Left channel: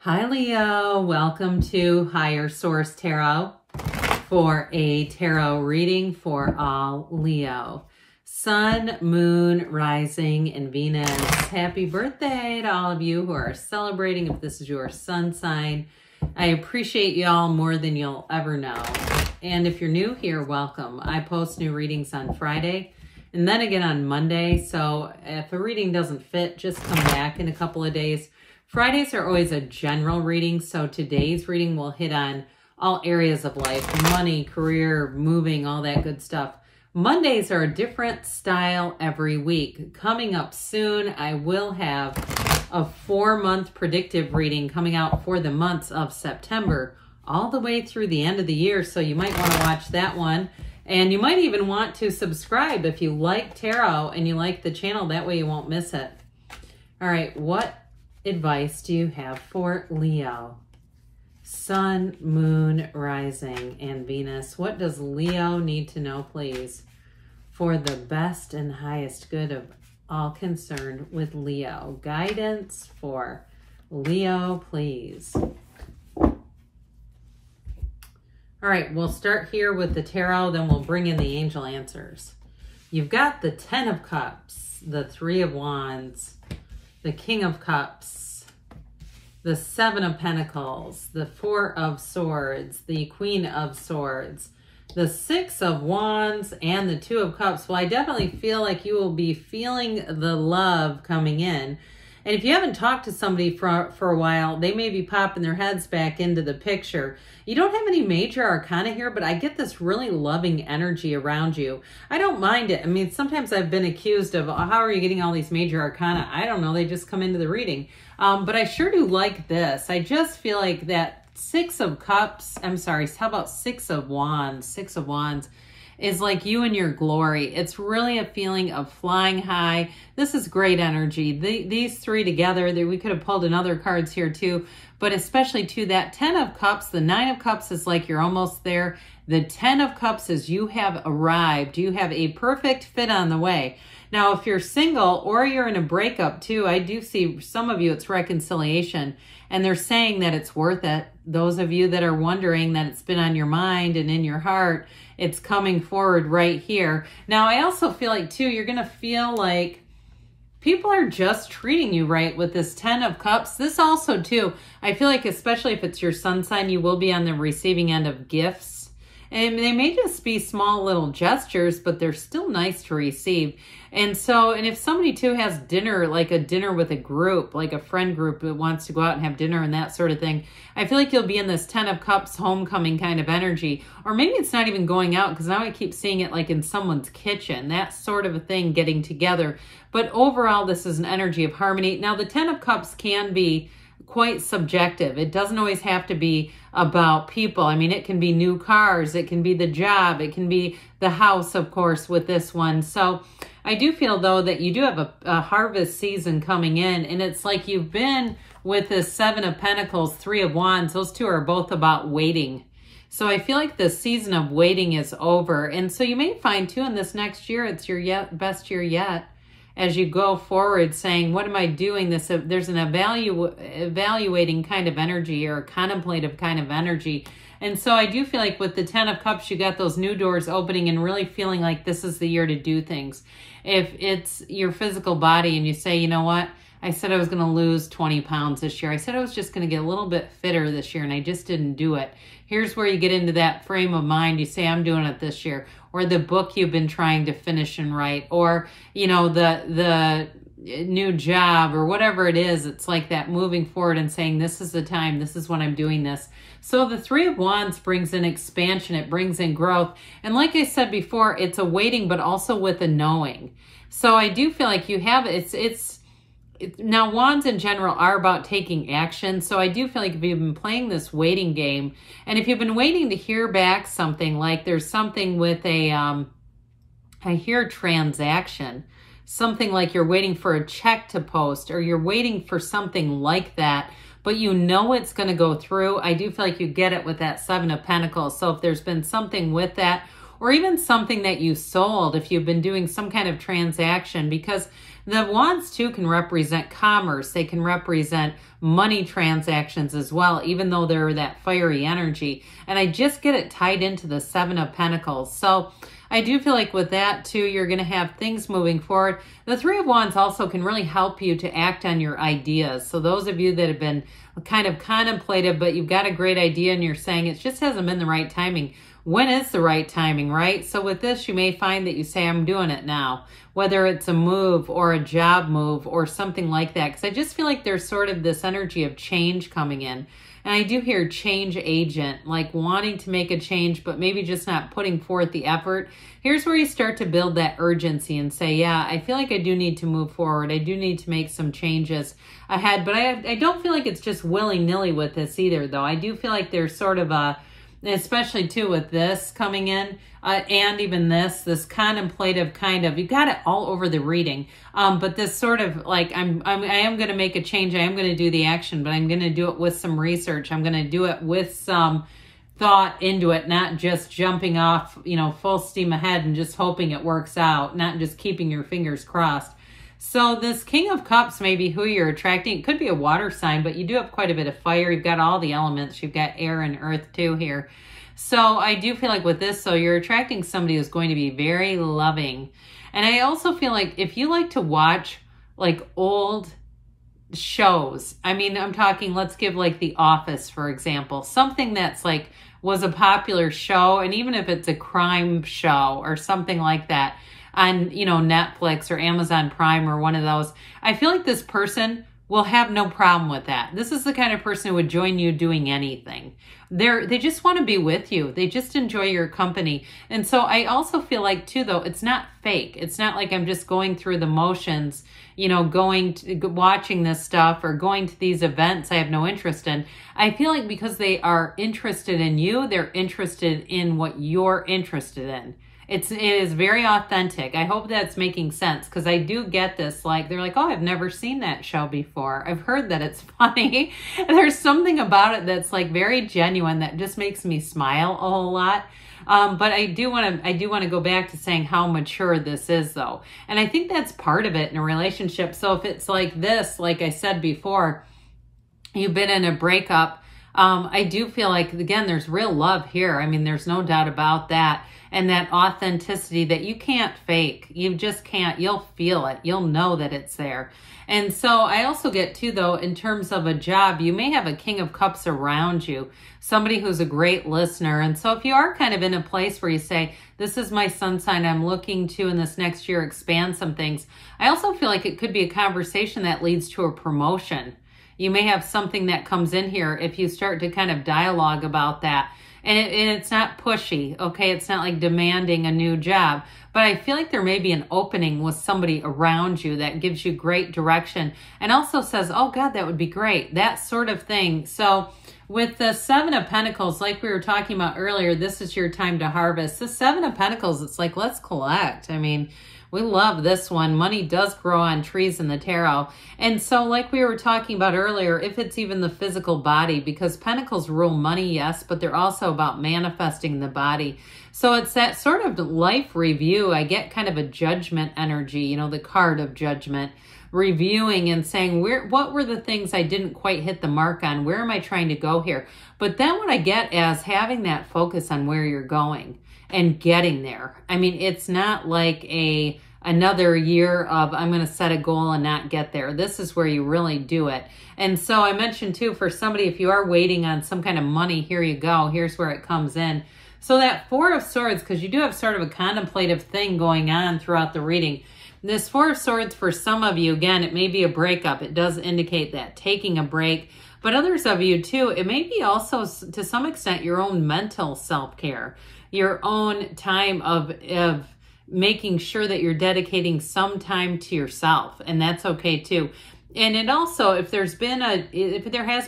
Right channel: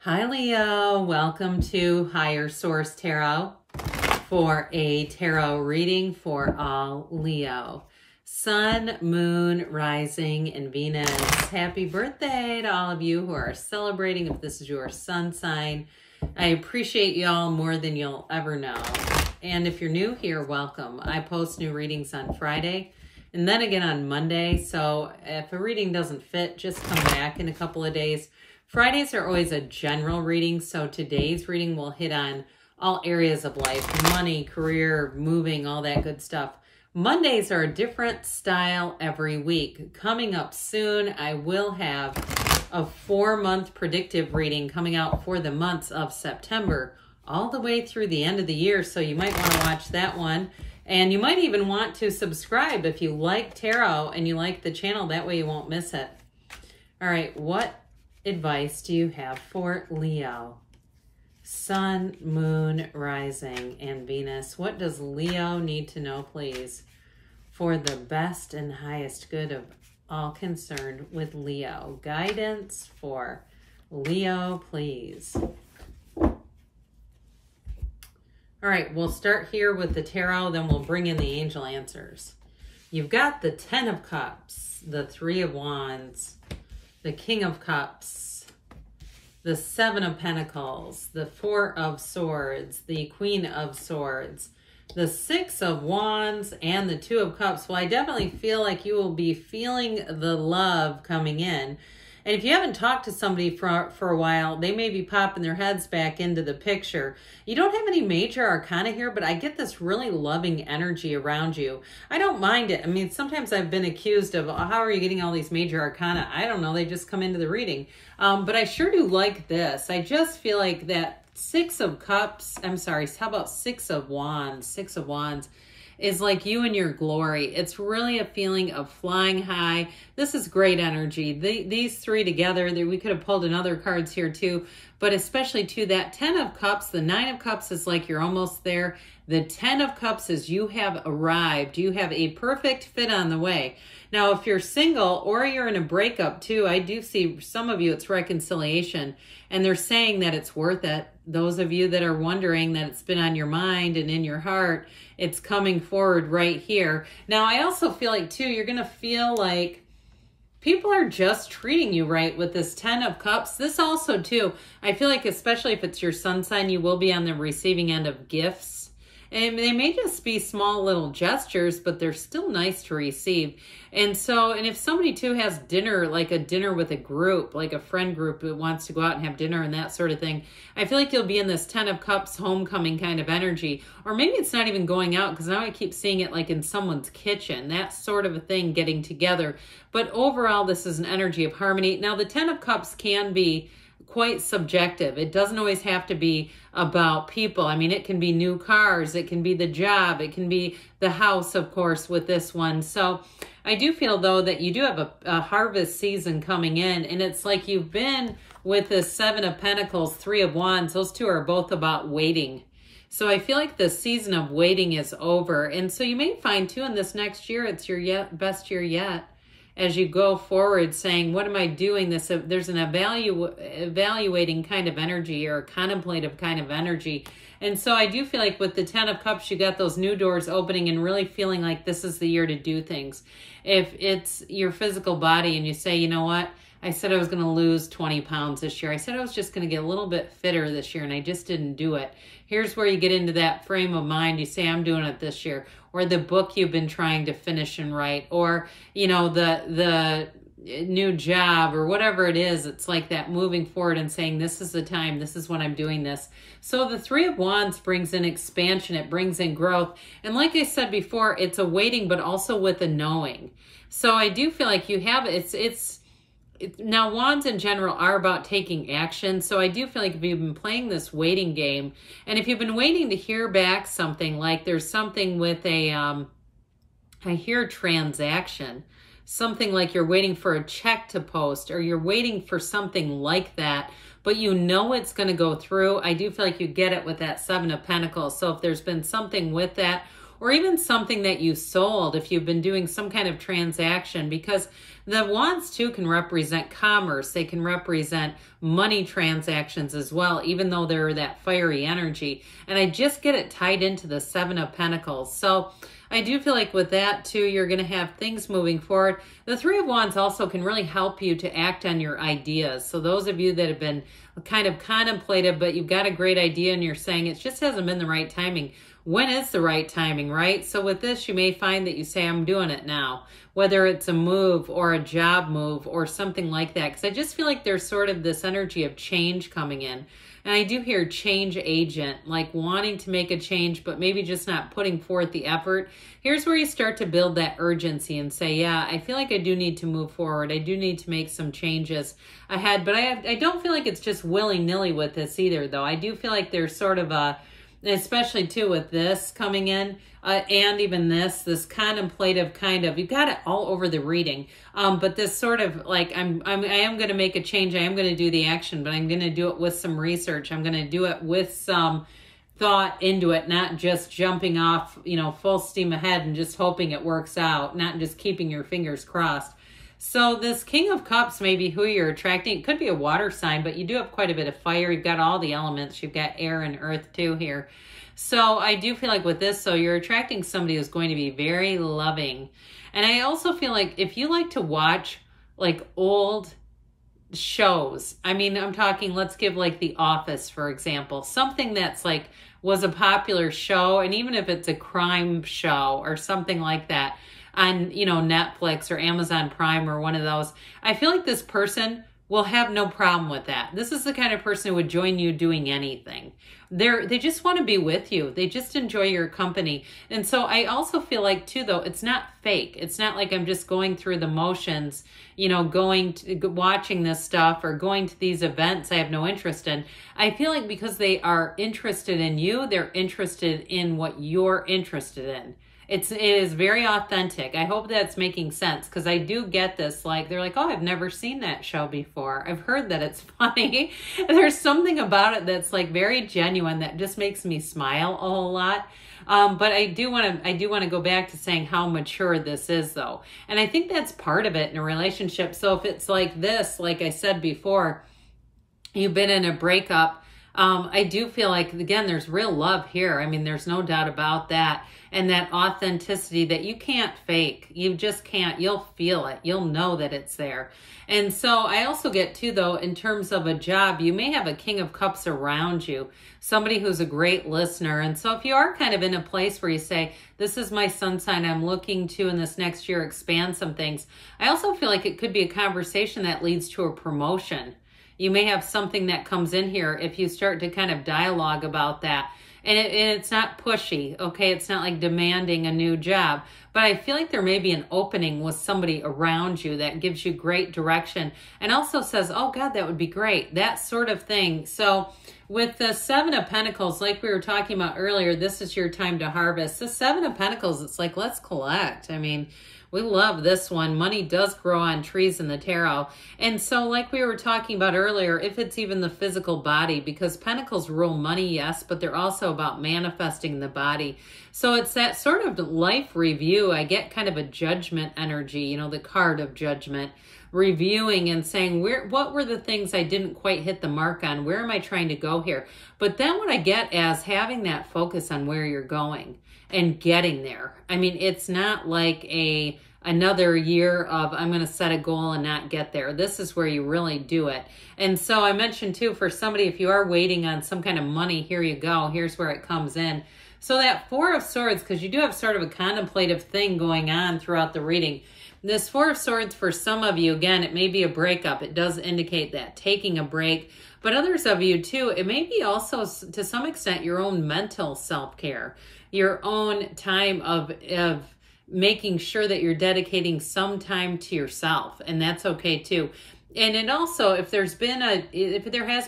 Hi Leo, welcome to Higher Source Tarot for a tarot reading for all Leo. Sun, Moon, Rising, and Venus. Happy birthday to all of you who are celebrating if this is your sun sign. I appreciate y'all more than you'll ever know. And if you're new here, welcome. I post new readings on Friday and then again on Monday. So if a reading doesn't fit, just come back in a couple of days. Fridays are always a general reading, so today's reading will hit on all areas of life, money, career, moving, all that good stuff. Mondays are a different style every week. Coming up soon, I will have a 4-month predictive reading coming out for the months of September, all the way through the end of the year, so you might want to watch that one. And you might even want to subscribe if you like tarot and you like the channel, that way you won't miss it. All right, what advice do you have for Leo? Sun, Moon, Rising, and Venus. What does Leo need to know, please, for the best and highest good of all concerned with Leo? Guidance for Leo, please. All right, we'll start here with the tarot, then we'll bring in the angel answers. You've got the 10 of Cups, the 3 of Wands, the King of Cups, the 7 of Pentacles, the 4 of Swords, the Queen of Swords, the 6 of Wands, and the 2 of Cups. Well, I definitely feel like you will be feeling the love coming in. And if you haven't talked to somebody for a while, they may be popping their heads back into the picture. You don't have any major arcana here, but I get this really loving energy around you. I don't mind it. I mean, sometimes I've been accused of, how are you getting all these major arcana? I don't know. They just come into the reading. But I sure do like this. I just feel like that 6 of Cups, I'm sorry, how about 6 of Wands? 6 of Wands is like you and your glory. It's really a feeling of flying high. This is great energy. These three together, we could have pulled in other cards here too, but especially to that 10 of Cups, the 9 of Cups is like you're almost there. The 10 of Cups is you have arrived. You have a perfect fit on the way. Now, if you're single or you're in a breakup too, I do see some of you, it's reconciliation, and they're saying that it's worth it. Those of you that are wondering that it's been on your mind and in your heart, it's coming forward right here. Now, I also feel like too, you're going to feel like people are just treating you right with this 10 of Cups. This also too, I feel like especially if it's your sun sign, you will be on the receiving end of gifts. And they may just be small little gestures, but they're still nice to receive. And so, and if somebody too has dinner, like a dinner with a group, like a friend group that wants to go out and have dinner and that sort of thing, I feel like you'll be in this 10 of Cups homecoming kind of energy. Or maybe it's not even going out, because now I keep seeing it like in someone's kitchen, that sort of a thing, getting together. But overall, this is an energy of harmony. Now, the 10 of Cups can be quite subjective. It doesn't always have to be about people. I mean, it can be new cars, it can be the job, it can be the house, of course, with this one. So I do feel, though, that you do have a harvest season coming in, and it's like you've been with the 7 of Pentacles, 3 of Wands. Those two are both about waiting. So I feel like the season of waiting is over. And so you may find, too, in this next year, it's your best year yet, as you go forward saying, what am I doing? There's an evaluating kind of energy, or a contemplative kind of energy. And so I do feel like with the 10 of Cups, you got those new doors opening and really feeling like this is the year to do things. If it's your physical body and you say, you know what? I said I was going to lose 20 pounds this year. I said I was just going to get a little bit fitter this year, and I just didn't do it. Here's where you get into that frame of mind. You say, I'm doing it this year. Or the book you've been trying to finish and write, or, you know, the new job, or whatever it is. It's like that moving forward and saying, this is the time, this is when I'm doing this. So the 3 of Wands brings in expansion, it brings in growth. And like I said before, it's a waiting, but also with a knowing. So I do feel like you have, now, wands in general are about taking action. So I do feel like if you've been playing this waiting game, and if you've been waiting to hear back something, like there's something with I hear transaction, something like you're waiting for a check to post, or you're waiting for something like that, but you know it's going to go through. I do feel like you get it with that 7 of Pentacles. So if there's been something with that, or even something that you sold, if you've been doing some kind of transaction, because The wands too can represent commerce. They can represent money transactions as well, even though they're that fiery energy. And I just get it tied into the Seven of Pentacles. So I do feel like with that too, you're going to have things moving forward. The Three of Wands also can really help you to act on your ideas. So those of you that have been kind of contemplative, but you've got a great idea and you're saying it just hasn't been the right timing. When is the right timing, right? So with this, you may find that you say, I'm doing it now, whether it's a move or a job move or something like that. Because I just feel like there's sort of this energy of change coming in. And I do hear change agent, like wanting to make a change, but maybe just not putting forth the effort. Here's where you start to build that urgency and say, yeah, I feel like I do need to move forward. I do need to make some changes ahead. But I don't feel like it's just willy-nilly with this either, though. I do feel like there's sort of a, especially too with this coming in, and even this contemplative kind of, you got it all over the reading. But this sort of like, I am going to make a change. I am going to do the action, but I'm going to do it with some research. I'm going to do it with some thought into it, not just jumping off, you know, full steam ahead and just hoping it works out, not just keeping your fingers crossed. So this King of Cups may be who you're attracting. It could be a water sign, but you do have quite a bit of fire. You've got all the elements. You've got air and earth too here. So I do feel like with this, so you're attracting somebody who's going to be very loving. And I also feel like if you like to watch like old shows, I mean, I'm talking, let's give like The Office, for example, something that's like was a popular show. And even if it's a crime show or something like that on, you know, Netflix or Amazon Prime or one of those, I feel like this person will have no problem with that. This is the kind of person who would join you doing anything. They just want to be with you. They just enjoy your company. And so I also feel like too, though, it's not fake. It's not like I'm just going through the motions, you know, watching this stuff or going to these events I have no interest in. I feel like because they are interested in you, they're interested in what you're interested in. It is very authentic. I hope that's making sense, because I do get this, like, they're like, oh, I've never seen that show before. I've heard that it's funny. There's something about it that's like very genuine that just makes me smile a whole lot. But I do want to go back to saying how mature this is, though. And I think that's part of it in a relationship. So if it's like this, like I said before, you've been in a breakup, I do feel like, again, there's real love here. I mean, there's no doubt about that. And that authenticity that you can't fake. You just can't. You'll feel it. You'll know that it's there. And so I also get too, though, in terms of a job, you may have a King of Cups around you, somebody who's a great listener. And so if you are kind of in a place where you say, this is my sun sign, I'm looking to in this next year expand some things, I also feel like it could be a conversation that leads to a promotion. You may have something that comes in here if you start to kind of dialogue about that. And it's not pushy, okay? It's not like demanding a new job. But I feel like there may be an opening with somebody around you that gives you great direction and also says, oh, God, that would be great. That sort of thing. So with the Seven of Pentacles, like we were talking about earlier, this is your time to harvest. The Seven of Pentacles, it's like, let's collect. I mean, we love this one. Money does grow on trees in the tarot. And so like we were talking about earlier, if it's even the physical body, because Pentacles rule money, yes, but they're also about manifesting the body. So it's that sort of life review. I get kind of a judgment energy, you know, the card of judgment, reviewing and saying, what were the things I didn't quite hit the mark on? Where am I trying to go here? But then what I get as having that focus on where you're going and getting there. I mean, it's not like another year of I'm going to set a goal and not get there. This is where you really do it. And so I mentioned too, for somebody, if you are waiting on some kind of money, here you go. Here's where it comes in. So that Four of Swords, because you do have sort of a contemplative thing going on throughout the reading. This Four of Swords, for some of you, again, it may be a breakup. It does indicate that, taking a break. But others of you too, it may be also to some extent your own mental self-care, your own time of making sure that you're dedicating some time to yourself, and that's okay too. And it also, if there has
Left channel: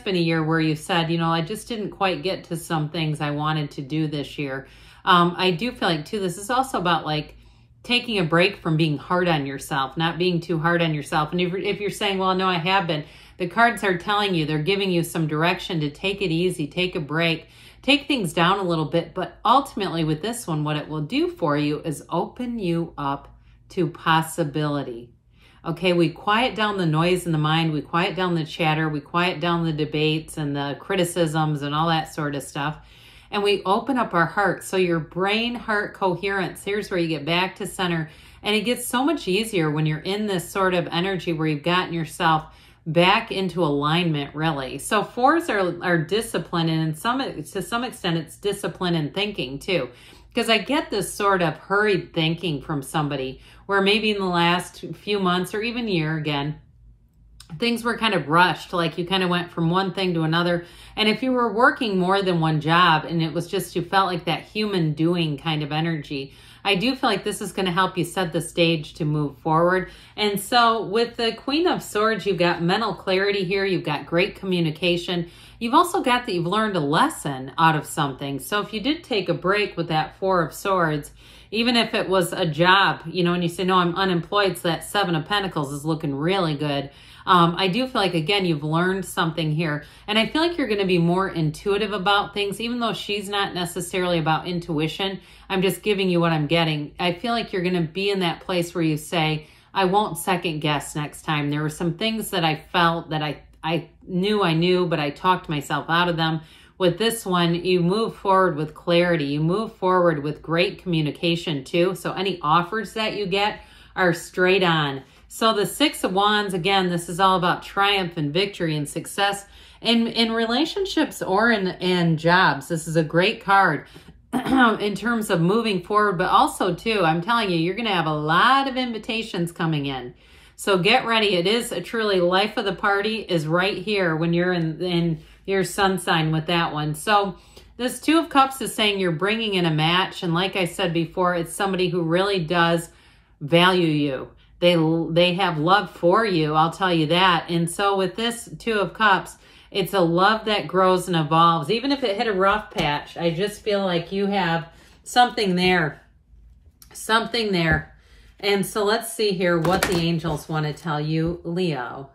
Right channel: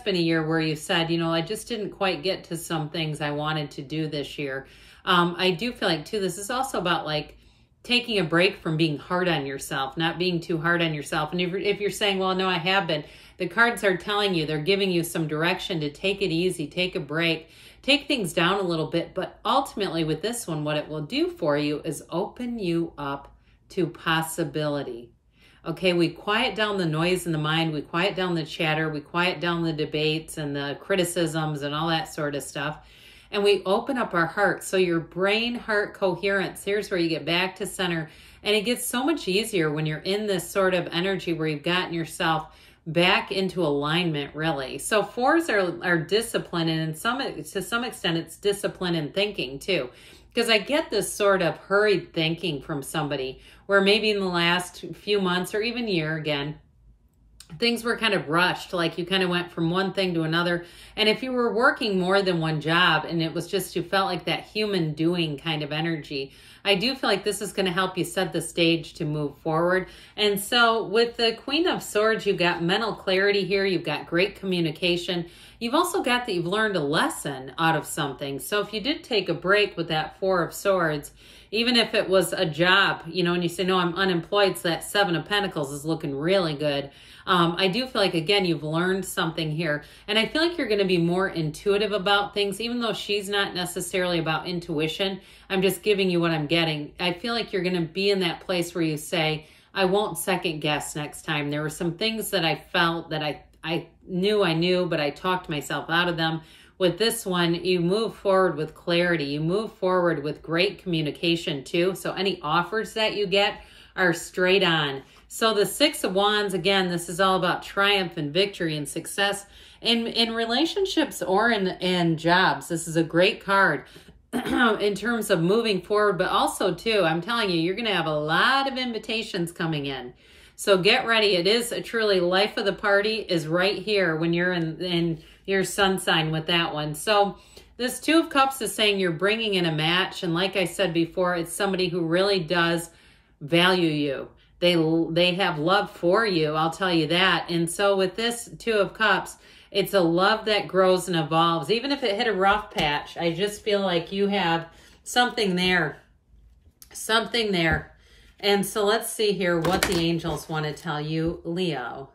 been a year where you said, you know, I just didn't quite get to some things I wanted to do this year, I do feel like too, this is also about like taking a break from being hard on yourself, not being too hard on yourself. And if you're saying, well, no, I have been, the cards are telling you, they're giving you some direction to take it easy, take a break, take things down a little bit. But ultimately with this one, what it will do for you is open you up to possibility. Okay, we quiet down the noise in the mind, we quiet down the chatter, we quiet down the debates and the criticisms and all that sort of stuff. And we open up our heart. So your brain-heart coherence, here's where you get back to center. And it gets so much easier when you're in this sort of energy where you've gotten yourself back into alignment, really. So 4s are discipline, and to some extent it's discipline and thinking too. Because I get this sort of hurried thinking from somebody where maybe in the last few months or even year again, things were kind of rushed, like you kind of went from one thing to another. And if you were working more than one job and it was just, you felt like that human doing kind of energy, I do feel like this is going to help you set the stage to move forward. And so with the Queen of Swords, you've got mental clarity here. You've got great communication. You've also got that you've learned a lesson out of something. So if you did take a break with that 4 of Swords, even if it was a job, you know, and you say, no, I'm unemployed, so that 7 of Pentacles is looking really good. I do feel like, again, you've learned something here. And I feel like you're going to be more intuitive about things, even though she's not necessarily about intuition. I'm just giving you what I'm getting. I feel like you're going to be in that place where you say, I won't second guess next time. There were some things that I felt that I knew, but I talked myself out of them. With this one, you move forward with clarity. You move forward with great communication too. So any offers that you get are straight on. So the 6 of Wands, again, this is all about triumph and victory and success in relationships or in jobs. This is a great card in terms of moving forward, but also too, I'm telling you, you're going to have a lot of invitations coming in. So get ready. It is a truly life of the party is right here when you're in your sun sign with that one. So this 2 of Cups is saying you're bringing in a match. And like I said before, it's somebody who really does value you. They have love for you, I'll tell you that. And so with this 2 of Cups, it's a love that grows and evolves. Even if it hit a rough patch, I just feel like you have something there. Something there. And so let's see here what the angels want to tell you, Leo.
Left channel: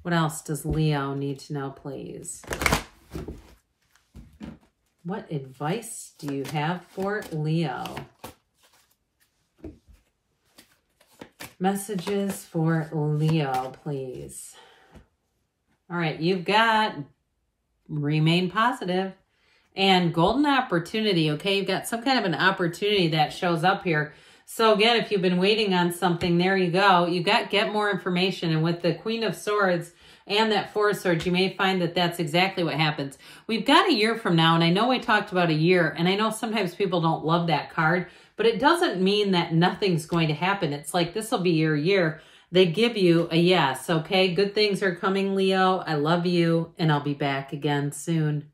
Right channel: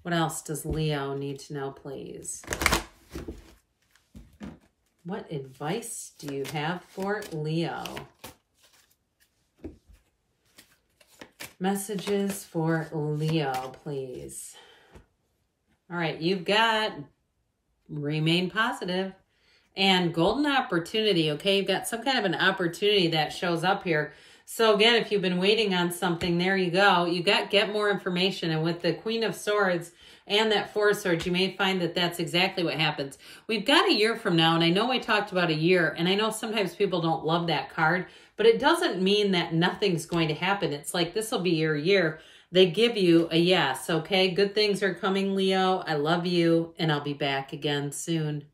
What else does Leo need to know, please? What advice do you have for Leo? Messages for Leo, please. All right, you've got remain positive and golden opportunity, okay? You've got some kind of an opportunity that shows up here. So again, if you've been waiting on something, there you go. You got get more information. And with the Queen of Swords and that 4 of Swords, you may find that that's exactly what happens. We've got a year from now, and I know we talked about a year, and I know sometimes people don't love that card, but it doesn't mean that nothing's going to happen. It's like this will be your year. They give you a yes, okay? Good things are coming, Leo. I love you, and I'll be back again soon.